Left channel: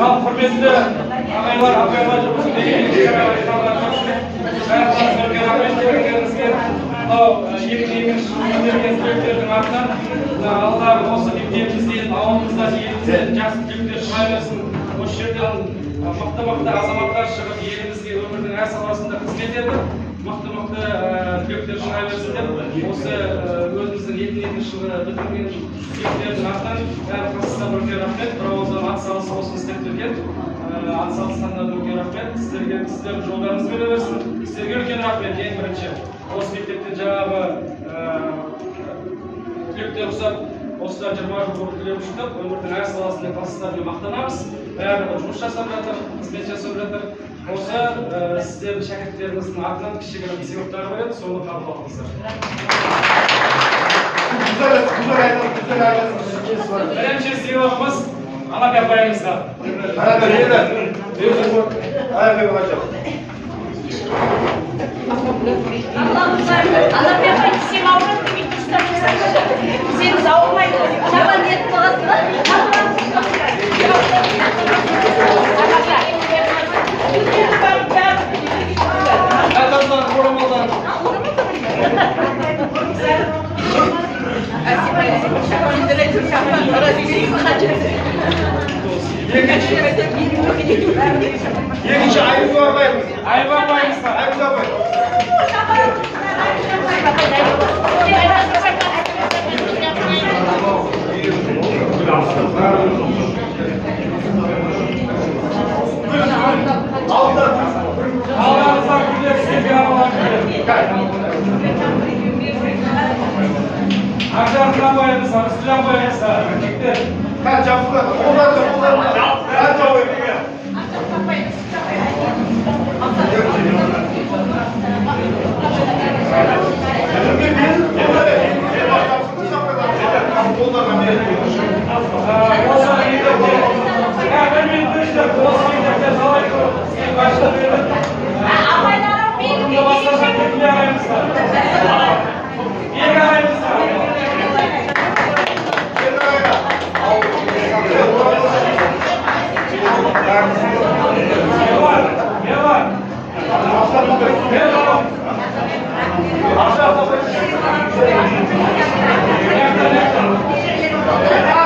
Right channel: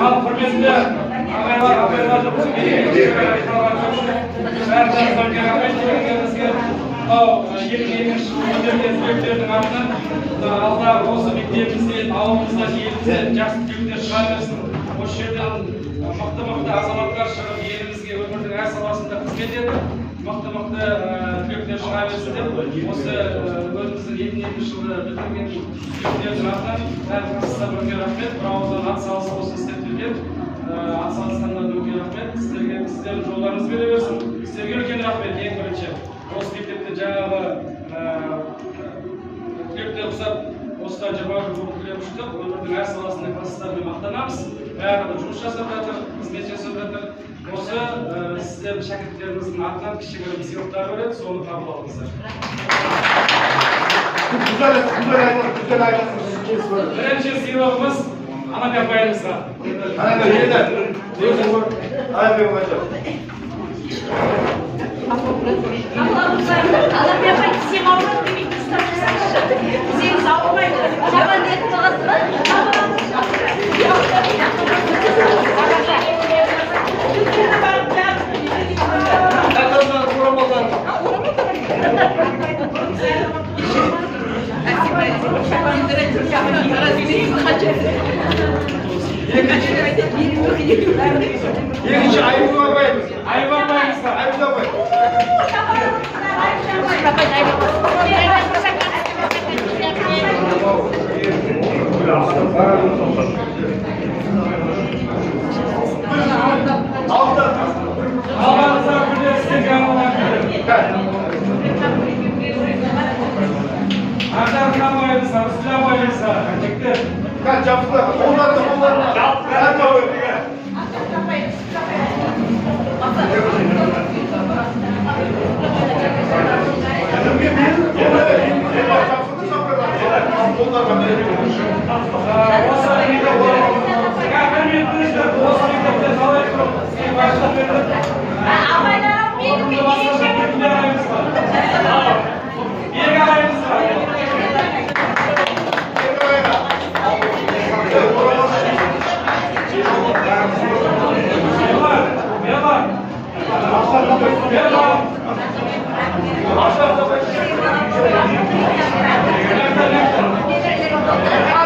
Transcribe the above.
Al hürmetli ağabeyler bizim yeni alдағы осы мектебімізде ауылымызда елімізде жақсы түлектер шыға берсін. Осы жерден мықты азаматтар шығып елімізге өмірдің әр саласында қызмет етіп, мықты түлектер шыға берсін деп, осы өзіміздің 2002 жылы бітірген түлектердің атынан әрқайсысына бір рахмет, бір ауыздан ат салысып осы істеп келген ат салысқандарына үлкен рахмет. Сіздердің жолдарыңыз бере берсін. Сіздерге үлкен рахмет. Ең бірінші осы мектептен жаңағы түлектер ұқсап осыдан 20 жыл түлеп шықтық. Өмірдің әр саласында класстармен мақтанамыз. Бәрі жұмыс жасап жатыр, қызмет жасап жатыр. Осы сіздердің шәкірттеріңіздің атынан кішігірім сыйлықтар береді, соны қабыл алыңыздар. Güzel айтасыз. Бірінші сыйлығымыз Анабек апайымызға. Анабек апай, сен ауырып демейді, ұстап жасаңызшы. Сен ауырмайды. Жаман ниет Екінші Айгүл апайымыз. Айгүл апайымызға. Айгүл апай. Allah'ınızdan güzel size Aşağıdan bayımızda, üstüden bayımızda. Kaç yaptılar? Onlarla. Kaç yapıyor? Thank you.